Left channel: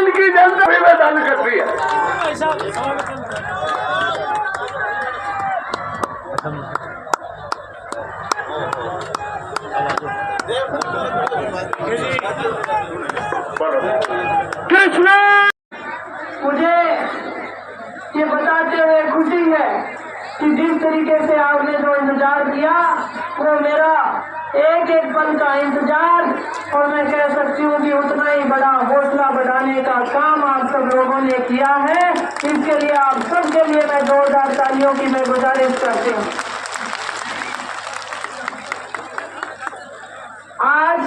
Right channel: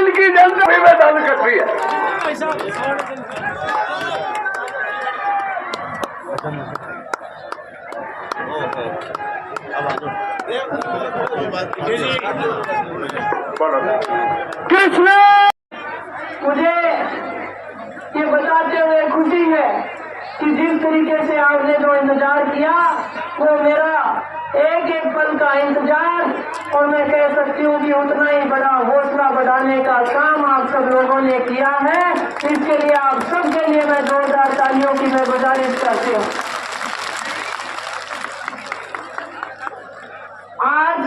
इनकी जनता भी मैदान करती है। कृष्ण, मुझे ये बताते हुए खुशी है कि जिस तरीके से आपने जो इंतजार किया वो मेरा एक एक पल का इंतजार, और मैं कह सकती हूँ कि उतना ही बड़ा हौसला बढ़ाने का काम आप सब लोगों ने किया है। इसके लिए आप सबके लिए मैं जोरदार तालियों की मैं गुजारिश करती हूँ। आज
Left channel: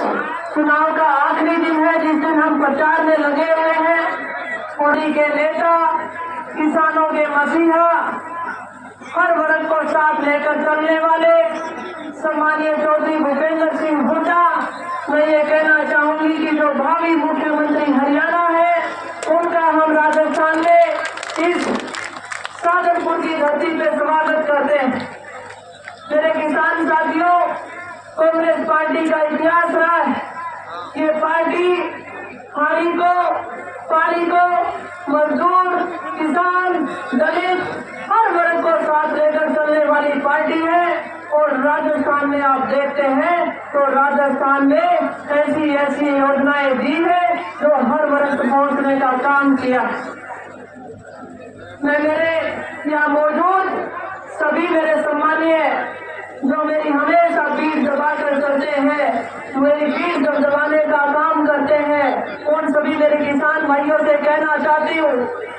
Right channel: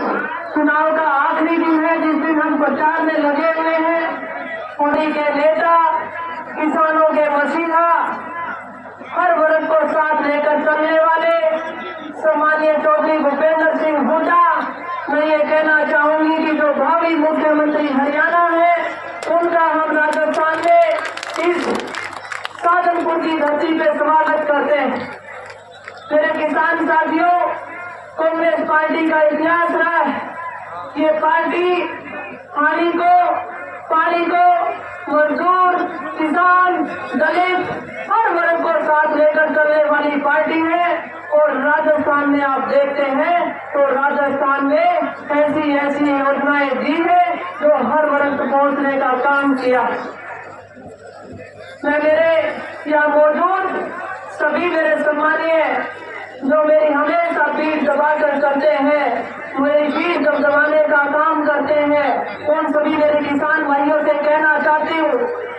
चुनाव का आखिरी दिन है, जिस दिन हम प्रचार में लगे हुए हैं। मोदी के नेता, किसानों के मसीहा, हर वर्ग को साथ लेकर चलने वाले सम्मानीय चौधरी भूपेंद्र सिंह हुड्डा, मैं ये कहना चाहूंगी कि जो भावी मुख्यमंत्री हरियाणा है, उनका हम राजस्थान में इस साधनपुर की धरती पे स्वागत करते हैं। मेरे किसान साथियों, कांग्रेस पार्टी का इतिहास रहा है। ये पार्टी हानि को, पानी को, मजदूर, किसान, दलित, हर वर्ग को साथ लेकर चलने वाली पार्टी है। और राजस्थान में आप देखते हैं तो राजस्थान में ऐसी योजनाएं दी है जो हर वर्ग तक पहुंचने का काम किया। मैं मेरे यहाँ मौजूद सभी मेरे सम्मानीय जो मेरी हमेशा पीठ दबाकर करते हैं, मेरी पीठ दबाने का काम करते हैं, उन सभी मेरे किसान भाइयों से कहना चाहती हूँ,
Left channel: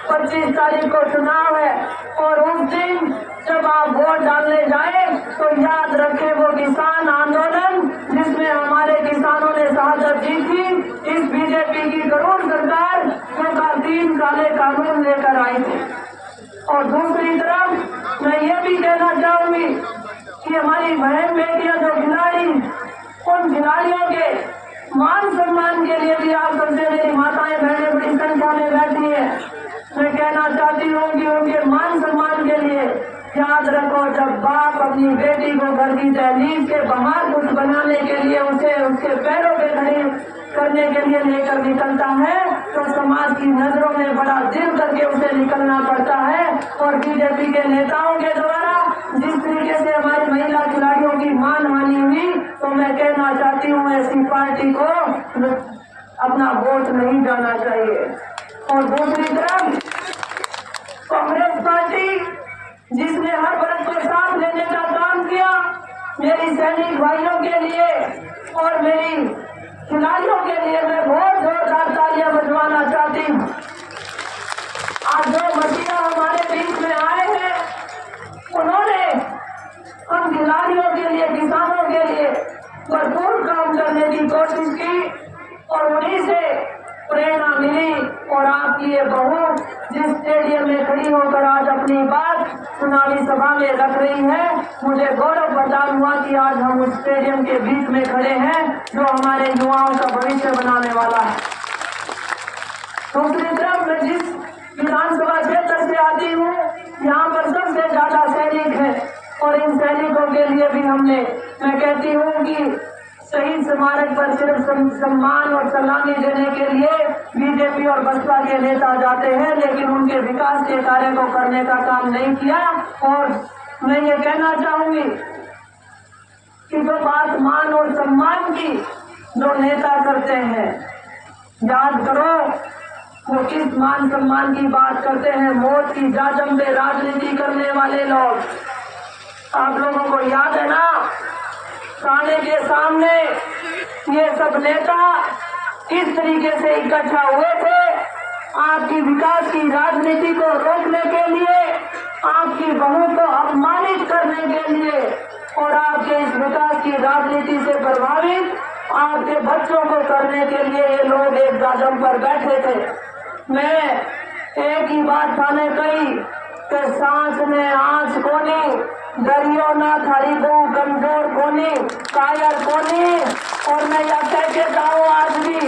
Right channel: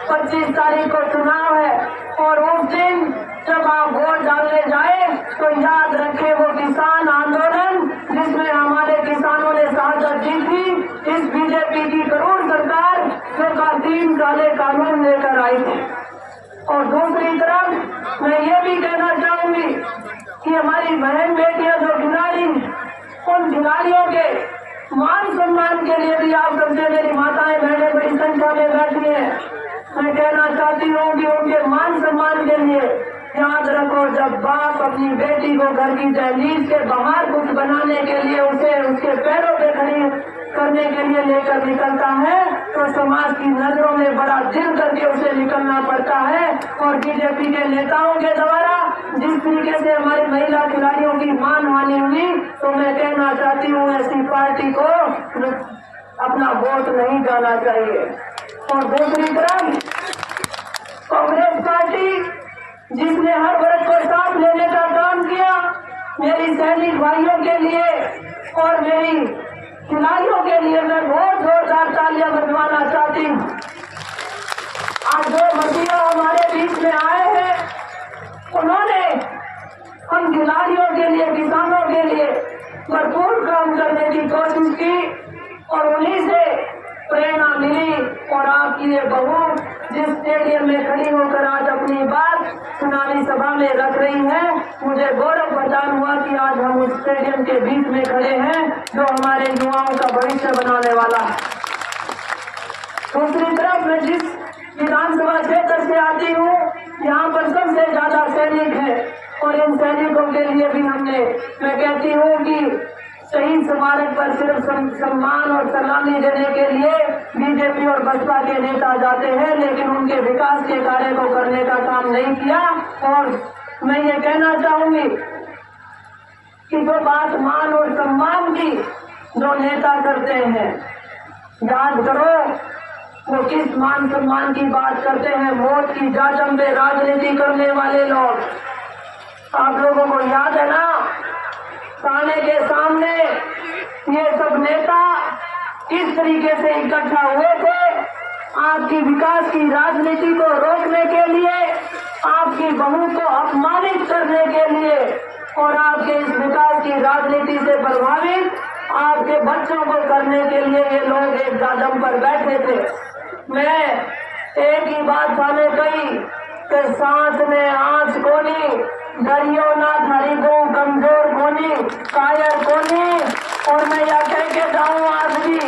25 तारीख को चुनाव है और उस दिन जब आप वोट डालने जाए तो याद रखें वो किसान आंदोलन जिसमें हमारे किसानों ने शहादत दी थी, इस बीजेपी की करोड़ सरकार जो का 3 काले कानून लेकर आई थी। और दूसरी तरफ मैं ये भी कहना चाहूंगी कि हमारी बहन बेटियां जो खिलाड़ी, उन खिलाड़ियों के मान सम्मान के लिए भी आप सबसे मेरी माताएं बहनें बड़ी संख्या में बैठी हैं। मैं कहना चाहती हूँ कि उनके मान सम्मान के लिए याद रखो, जब बाप अपनी बेटी को घर की दहलीज के बाहर कुछ बनाने के लिए उसे उसके पैरों पे खड़ी करने के लिए लेकर निकलता है तो समाज की नजरों में बड़ा दिल करके उसे निकलना पड़ता है। और बीजेपी के नेताओं के द्वारा जिस तरीके से हमारी महिला खिलाड़ियों की मान हानि हुई, तो मैं कहना चाहती हूँ ऐसी पार्टी को अपना वोट नहीं जाना चाहिए। और दूसरी तरफ कांग्रेस पार्टी जिसने हर वर्ग को साथ लेने का काम किया, मेरी सैनिक भाइयों के लिए और मेरी खिलाड़ियों के लिए मैं बहुत जोरदार तालियां बजवाना चाहती हूँ। आज जो मसीहा हमारे बीच में आए हैं, उन्होंने हम खिलाड़ियों के लिए, किसानों के लिए भरपूर काम करने की कोशिश की और उन्हीं से प्रेरणा मिली। और आपकी ये बहू जिस स्टेडियम में खड़ी होकर आज अपनी बात चुनावी सभा में रख रही है, मुझे गौरव प्रदान हुआ कि आज हम उस स्टेडियम के बीच में खड़े हैं जो हमारे युवाओं का भविष्य बनाने वाला है। दूसरी तरफ मैं जिस विधानसभा क्षेत्र से आती हूँ, यहाँ पर सबसे ज्यादा सैनिक है और इन सैनिकों के लिए भी हमने, मैं कहती हूँ कि शहीद स्मारक पर सिर्फ सम्मान और सलामी देने के लिए बीजेपी और बसपा के नेता जाते हैं, लेकिन उनके विकास के कार्य को करने का काम नहीं किया। और मैं ये कहना चाहूंगी कि जो बात मान और सम्मान की जो नेता करते हैं, याद करो वो किस मान सम्मान की बात करते हैं। मौत की जाजम पे राजनीति करने वाले लोग, आप लोगों को याद है ना, थाने के सामने ये सब नेता किस तरीके से इकट्ठा हुए थे आपकी विकास की राजनीति को रोकने के लिए, आपकी बहू को अपमानित करने के लिए और आपके इस विकास की राजनीति से प्रभावित आपके बच्चों को करने के लिए ये लोग एक जाजम पर बैठे थे। मैं एक ही बात थाने कही कि सांस ने आंच को नहीं, डरियो ना थारी बहु कमजोर कोनी कायर कोनी। और मैं यह कह के जाऊँ आज भी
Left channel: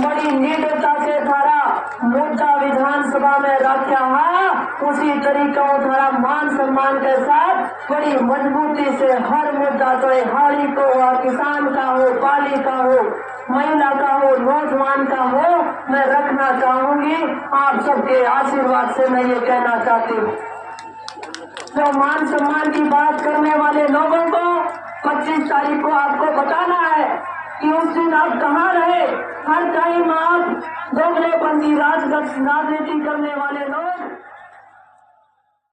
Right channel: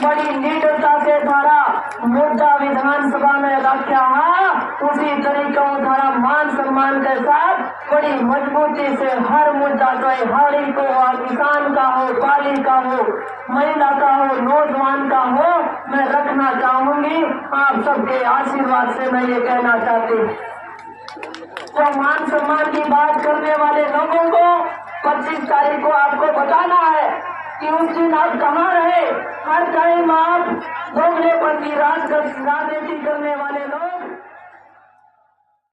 बड़ी निडरता से थारा मुद्दा विधानसभा में रखा है, उसी तरीका थारा मान सम्मान के साथ बड़ी मजबूती से हर मुद्दा चाहे हाड़ी को हो, किसान का हो, पाली का हो, महिला का हो, नौजवान का हो, मैं रखना चाहूंगी। आप सबके आशीर्वाद से मैं ये कहना चाहती हूँ। जो मान सम्मान की बात करने वाले लोगों को 25 तारीख को आपको बताना है कि उस दिन आप कहाँ रहे। हर टाइम आप दोगलेपन की राजनीति करने वाले लोग